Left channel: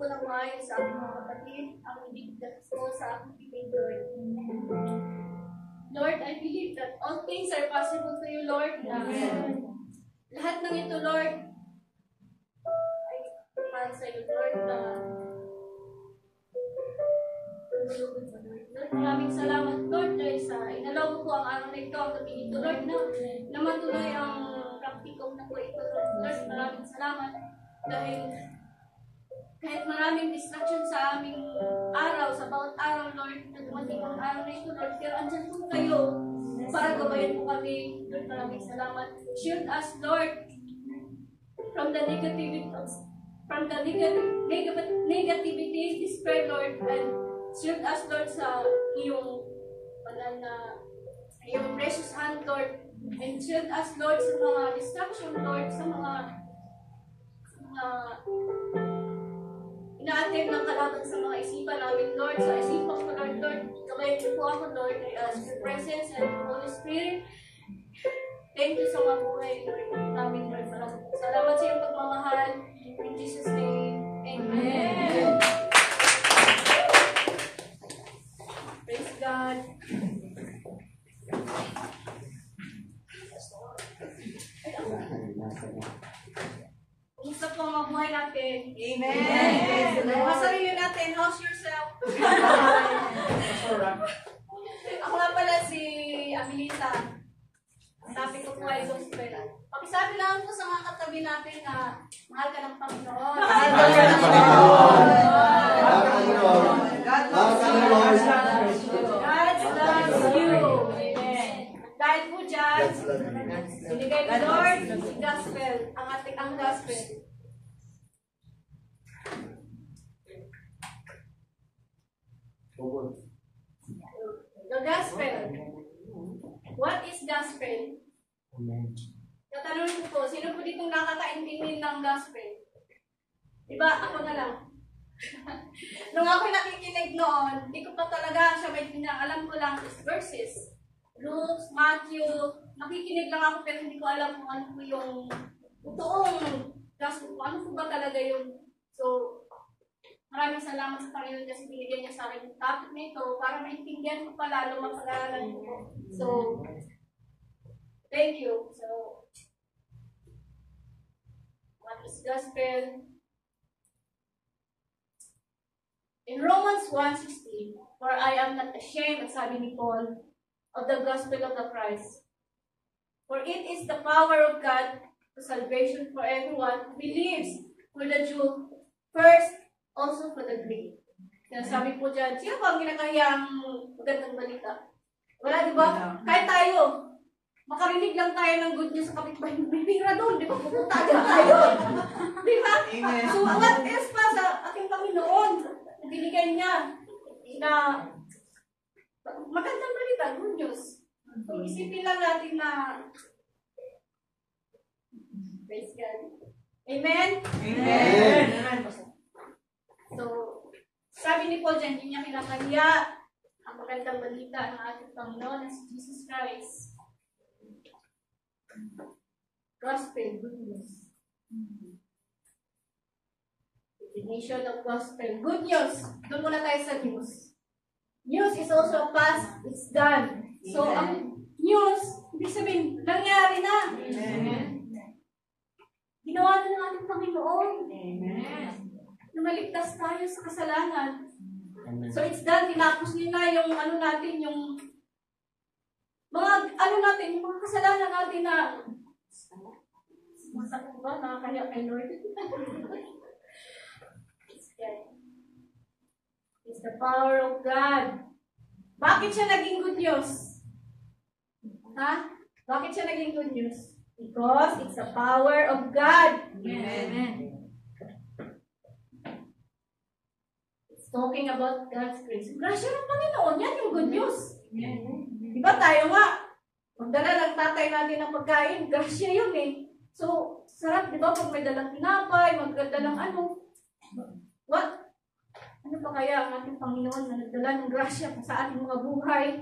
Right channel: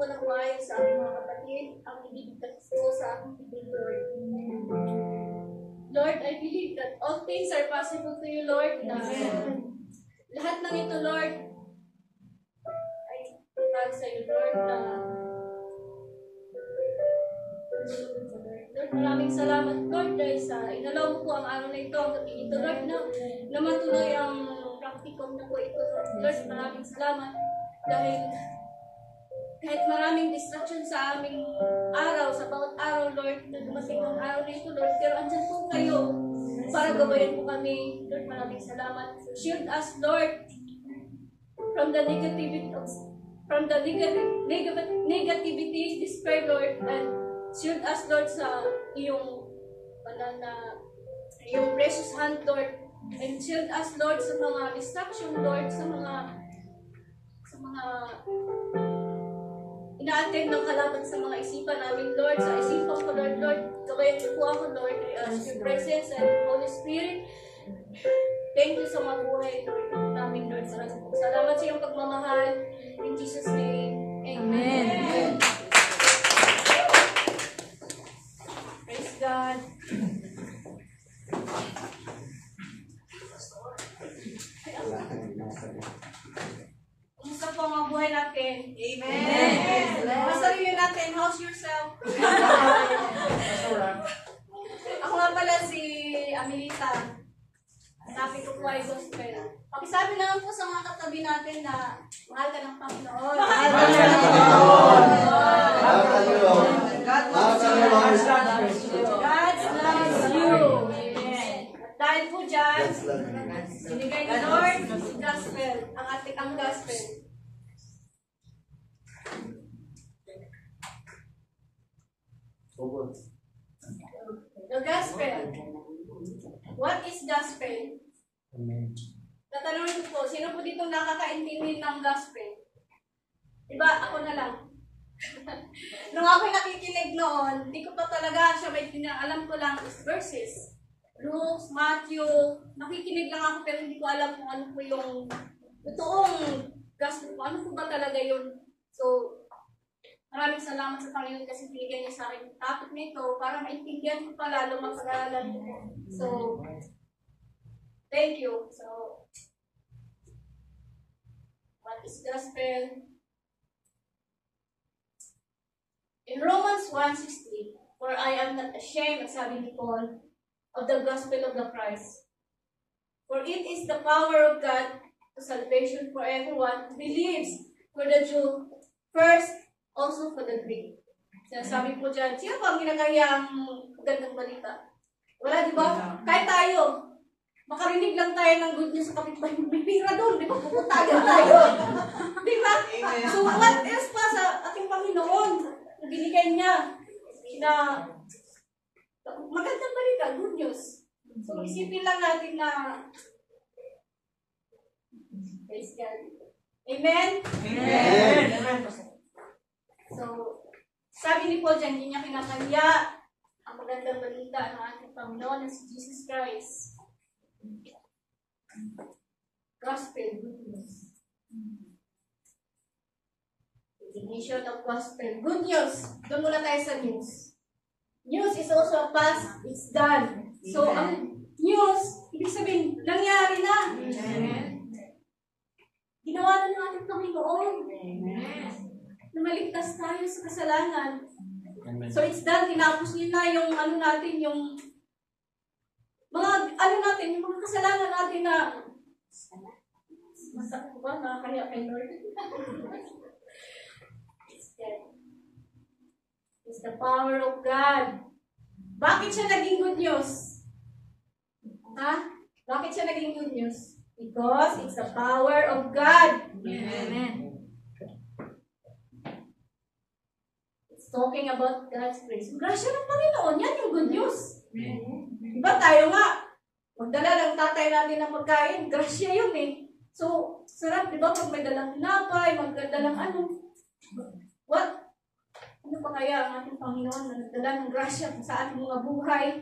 po ng buhay sa aking mga kapatid, ang ibigay ko sa aking pipig, Lord. Lord, I believe that all things are possible to you, Lord. Lahat ng ito, Lord, ay para sa iyo, Lord, Lord, maraming salamat, Lord, dahil sa inalaw mo po ang araw na ito, ang gabi ito, Lord, na matuloy ang praktikum na po ito, Lord. Maraming salamat dahil kahit maraming distraction sa aming araw, sa bawat araw, Lord, na dumating ang araw na ito, Lord, pero andyan po kayo para gabayan po kami. Lord, maraming salamat. Shield us, Lord, from the negativity, despair, Lord, and shield us, Lord, sa iyong banal na iyong precious hand, Lord, and shield us, Lord, sa mga distraction, Lord, sa mga ina-attend ng kalaban sa mga isipan namin, Lord, sa isipan ko, Lord, gabayan niyo po ako, Lord, I ask your presence and Holy Spirit. Thank you sa mga buhay, Lord, namin, Lord. Salamat sa iyong pagmamahal. In Jesus' name, Amen. Praise God. Kumusta po ang mga buhay natin? Amen. Mga sarili natin, how's yourself? Ako nga pala si Amelita. Sabi ko po ay gospel. Pakisabi lang po sa mga katabi natin na mahal ka ng Panginoon. Mahal ka ng Panginoon. Mahal ka ng Panginoon. God loves you. Amen. At dahil po dyan, binigay ni Lord gospel, ang gospel. The gospel. What is gospel? Tatanungin ko po, sino po dito nakakaintindi ng gospel? Diba, ako na lang. Nung ako nakikinig noon, hindi ko pa talaga siya maintindihan. Alam ko lang is verses. Luke, Matthew, nakikinig lang ako pero hindi ko alam kung ano po yung totoong gospel po. Ano po ba talaga yun? So, maraming salamat sa Panginoon kasi binigyan niya sa akin yung topic na ito para maintindihan ko pa lalo mapag-aralan ko. So, thank you. So, what is gospel? In Romans 1:16, for I am not ashamed, sabi ni Paul, of the gospel of the Christ. For it is the power of God to salvation for everyone who believes, for the Jew first, also for the Greek. Sabi po dyan, sino ba ang ginagayang magandang balita? Wala, di ba? Kahit tayo, makarinig lang tayo ng good news sa kapitbahay, may pira doon, di ba? Pupunta agad tayo. Di ba? So, what else pa sa ating Panginoon? Binigay niya na magandang balita, good news. So, isipin lang natin na praise God. Amen? Amen. Amen. So, sabi ni Paul dyan, hindi niya kinakaya ang magandang balita ng ating Panginoon na si Jesus Christ. Gospel, good news. Definition of gospel. Good news. Doon muna tayo sa news. News is also a past. It's done. So, ang news, ibig sabihin, nangyari na. Amen. Ginawa na ng ating Panginoon. Amen. Na maligtas tayo sa kasalanan. Amen. So, it's done. Tinapos niya na yung ano natin, yung mga, ano natin, yung mga kasalanan natin na masakit ba? Nakakaya kay Lord. It's the power of God. Bakit siya naging good news? Ha? Bakit siya naging good news? Because it's the power of God. Amen. It's talking about God's grace. Grasya ng Panginoon, yan yung good news. Diba tayo nga, magdala ng tatay natin ng pagkain, grasya yun eh. So, sarap, diba, pag may dalang tinapay, magdalang ano. What? Ano pa kaya ang ating Panginoon na nagdala ng grasya sa ating mga buhay?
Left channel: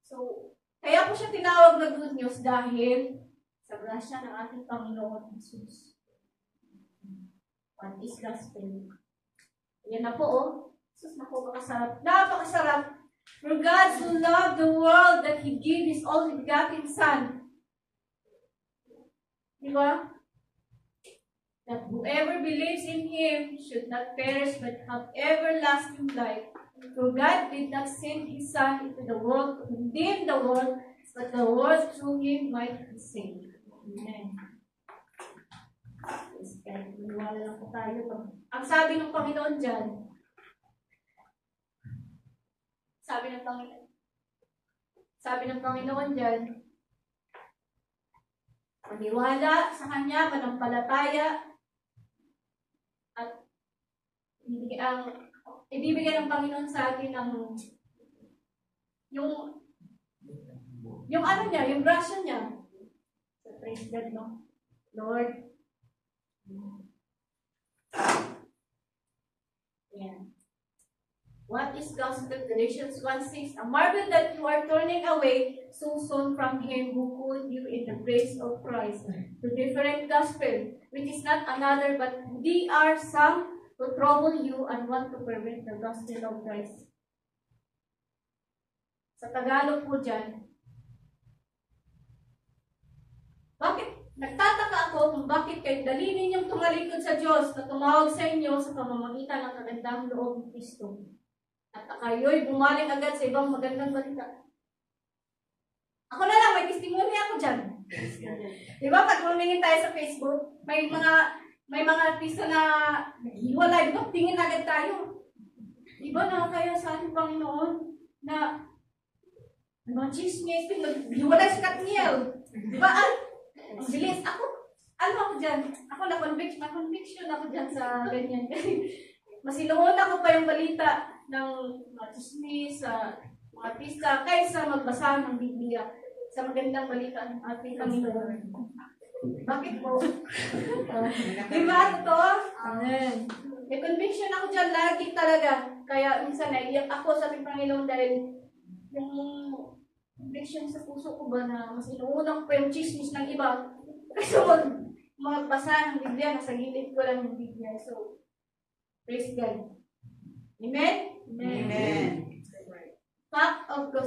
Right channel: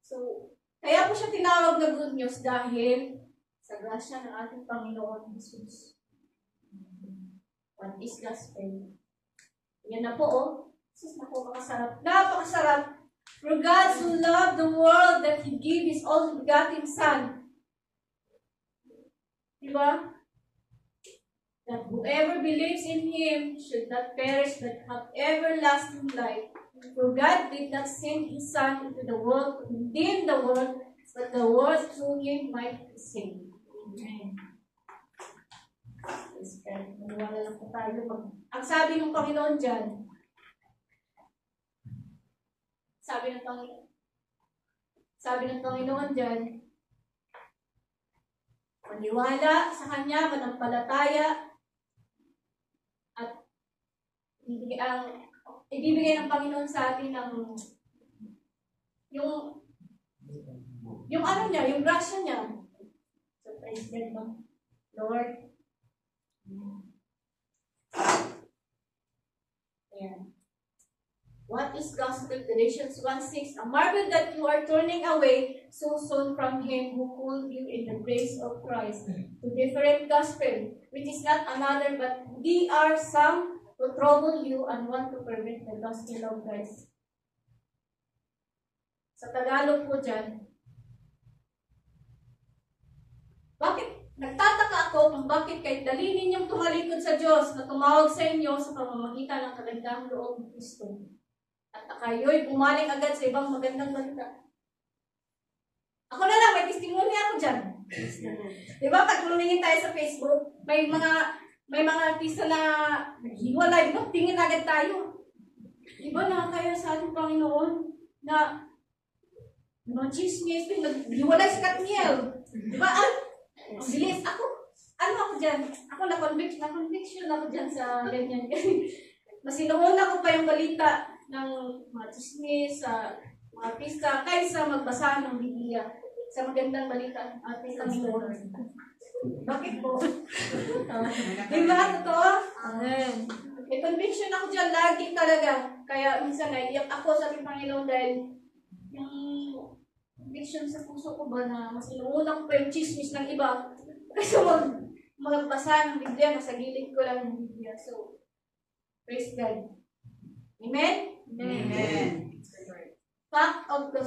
So, kaya po siya tinawag na good news dahil sa grasya ng ating Panginoon Jesus. What is gospel? Yan na po, oh. Sus, naku, makasarap. Napakasarap. For God so loved the world that He gave His only begotten Son. Diba? That whoever believes in Him should not perish but have everlasting life. For God did not send His Son into the world to condemn the world, but the world through Him might be saved. Amen. Maniwala lang po tayo. Ang sabi ng Panginoon dyan, sabi ng Panginoon dyan, maniwala sa Kanya, manampalataya, at ibibigay ng Panginoon sa atin ng yung ano niya, yung grasya niya. So, praise God, no? Lord. Ayan. What is gospel? Galatians 1:6. I marvel that you are turning away so soon from Him who called you in the grace of Christ to different gospel, which is not another, but they are some who trouble you and want to pervert the gospel of Christ. Sa Tagalog po dyan, bakit? Nagtataka ako kung bakit kahit dali ninyong tumalikod sa Diyos na tumawag sa inyo sa pamamagitan ng kagandang loob ng Kristo. At kayo'y bumaling agad sa ibang magandang balita. Ako na lang, may testimony ako dyan. Diba, pag lumingin tayo sa Facebook, may mga artista na naghiwalay, no? Tingin agad tayo. Diba, nakakaya sa ating Panginoon na mga chismis, naghiwalay si Katniel. Diba, ang bilis. Ako dyan? Ako na-conviction ako dyan sa ganyan. Mas inuuna ko pa yung balita ng mga chismis, sa mga artista, kaysa magbasa ng Biblia sa magandang balita ng ating Panginoon. Bakit po? Diba? Totoo? Amen. May conviction ako dyan lagi talaga. Kaya minsan naiiyak ako sa ating Panginoon dahil yung conviction sa puso ko ba na mas inuuna ko pa yung chismis ng iba kasi magbasa ng Biblia, nasa gilid ko lang yung Biblia. So, praise God. Amen? Amen. Fact of the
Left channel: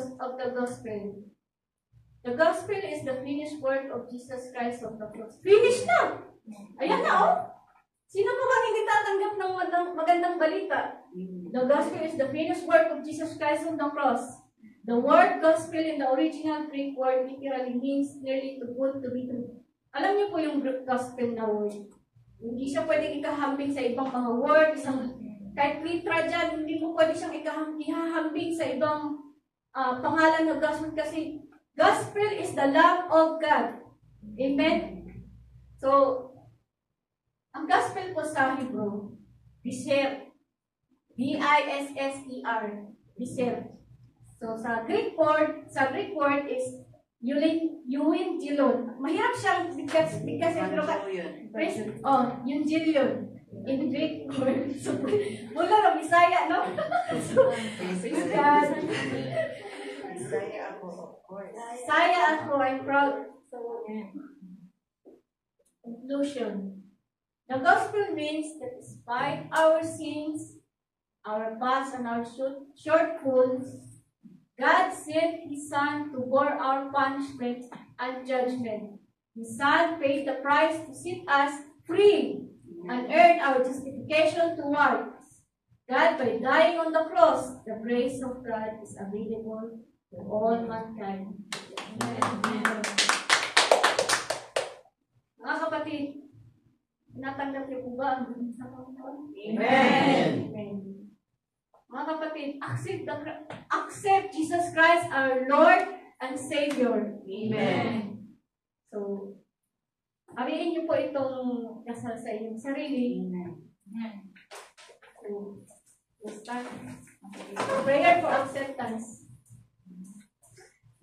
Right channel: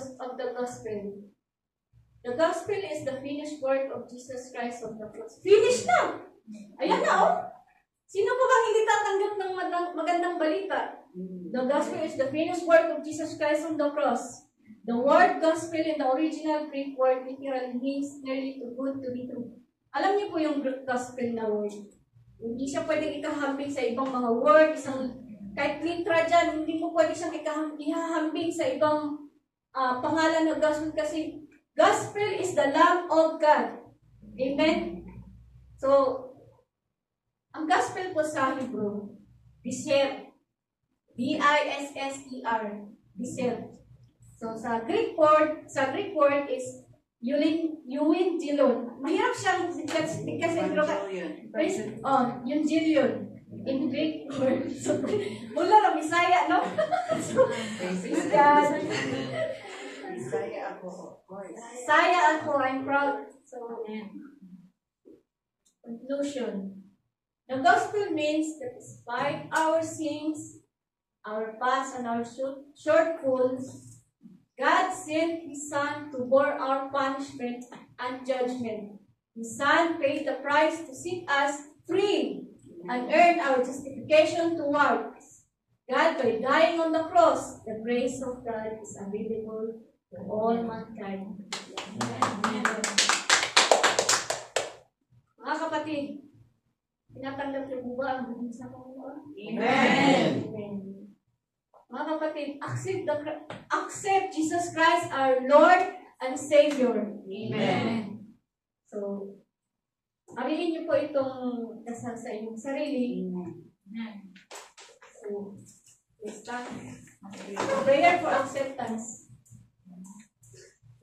gospel. The gospel is the finished work of Jesus Christ on the cross. Finished na! Ayan na, oh! Sino pa ba hindi tatanggap ng magandang balita? The gospel is the finished work of Jesus Christ on the cross. The word gospel in the original Greek word literally means nearly too good to be true. Alam niyo po yung gospel na word. Hindi siya pwedeng ikahambing sa ibang mga word, kahit litra dyan, hindi mo pwede siyang ihahambing sa ibang pangalan ng gospel kasi gospel is the love of God. Amen? So, ang gospel po sa Hebrew, Bisher. B-I-S-S-E-R. Bisher. So, sa Greek word is Euangelion. Mahirap siyang bigkasin, pero yung Gilion. In Greek word. So, mula na Bisaya, no? So, Bisaya ako, I'm proud. So, conclusion. The gospel means that despite our sins, our past, and our shortfalls, God sent His Son to bear our punishment and judgment. His Son paid the price to set us free and earn our justification towards God by dying on the cross. The grace of God is available to all mankind. Amen. Mga kapatid, tinatanggap niyo po ba ang buhay sa Panginoon? Amen. Amen. Mga kapatid, accept Jesus Christ our Lord and Savior. Amen. So, arihin niyo po itong dasal sa inyong sarili. Amen. So, let's start. Prayer for acceptance.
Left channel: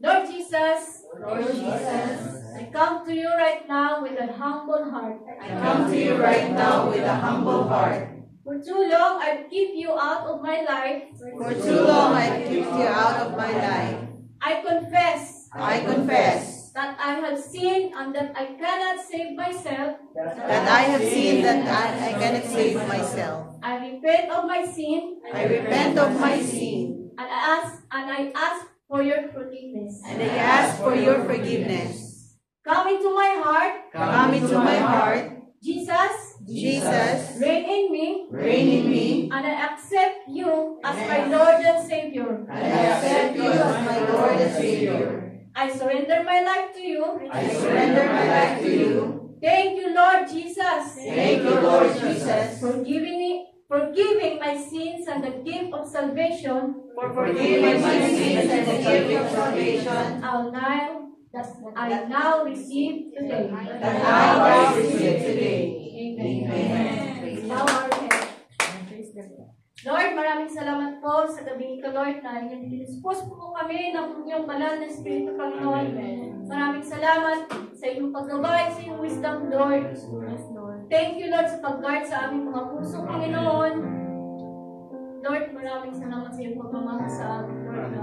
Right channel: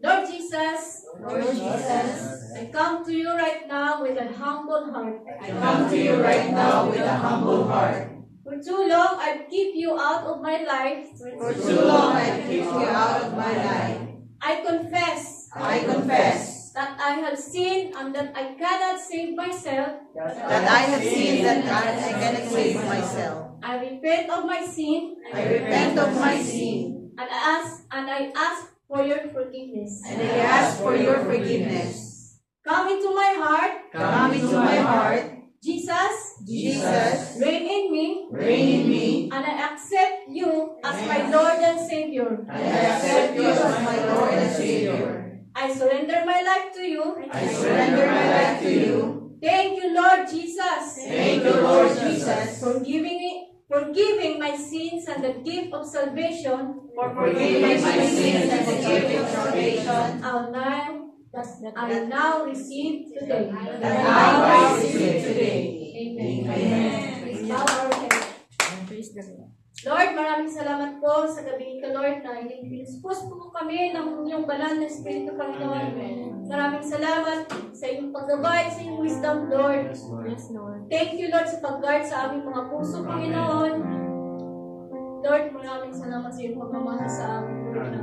Lord Jesus, I come to you right now with a humble heart. For too long, I've kept you out of my life. I confess that I have sinned and that I cannot save myself. that I have seen that I cannot save myself. I repent of my sin I repent of my sin, and I ask for your forgiveness. and I ask for your forgiveness. Come into my heart, Come into my heart, Jesus, Jesus, reign in me, reign in me. and I accept you as my Lord and Savior. I accept you as my Lord and Savior. I surrender my life to you. I surrender my life to you. Thank you, Lord Jesus, Thank you, Lord Jesus, for forgiving my sins and the gift of salvation. for forgiving my sins and the gift of salvation I now receive today. that I receive today. Amen. Amen. Bow our head. Lord, maraming salamat po sa gabi ito, Lord, na inyong pinispos po kami ng inyong banal na Espiritu, Panginoon. Maraming salamat sa inyong paggabay, sa inyong wisdom, Lord. Thank you, Lord, sa pag-guard sa aming mga puso, Panginoon. Lord, maraming salamat sa iyong pagmamahal sa amin, Lord.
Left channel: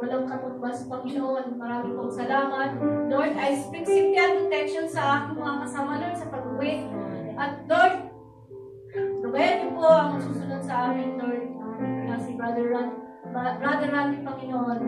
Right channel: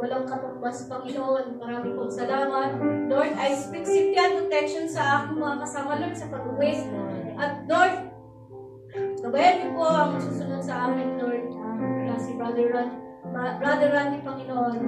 Walang katumbas, Panginoon. Maraming pong salamat. Lord, I speak safety and protection sa aking mga kasama, Lord, sa pag-uwi. At Lord, gabayan niyo po ang susunod sa amin, Lord, na si Brother Randy, Panginoon.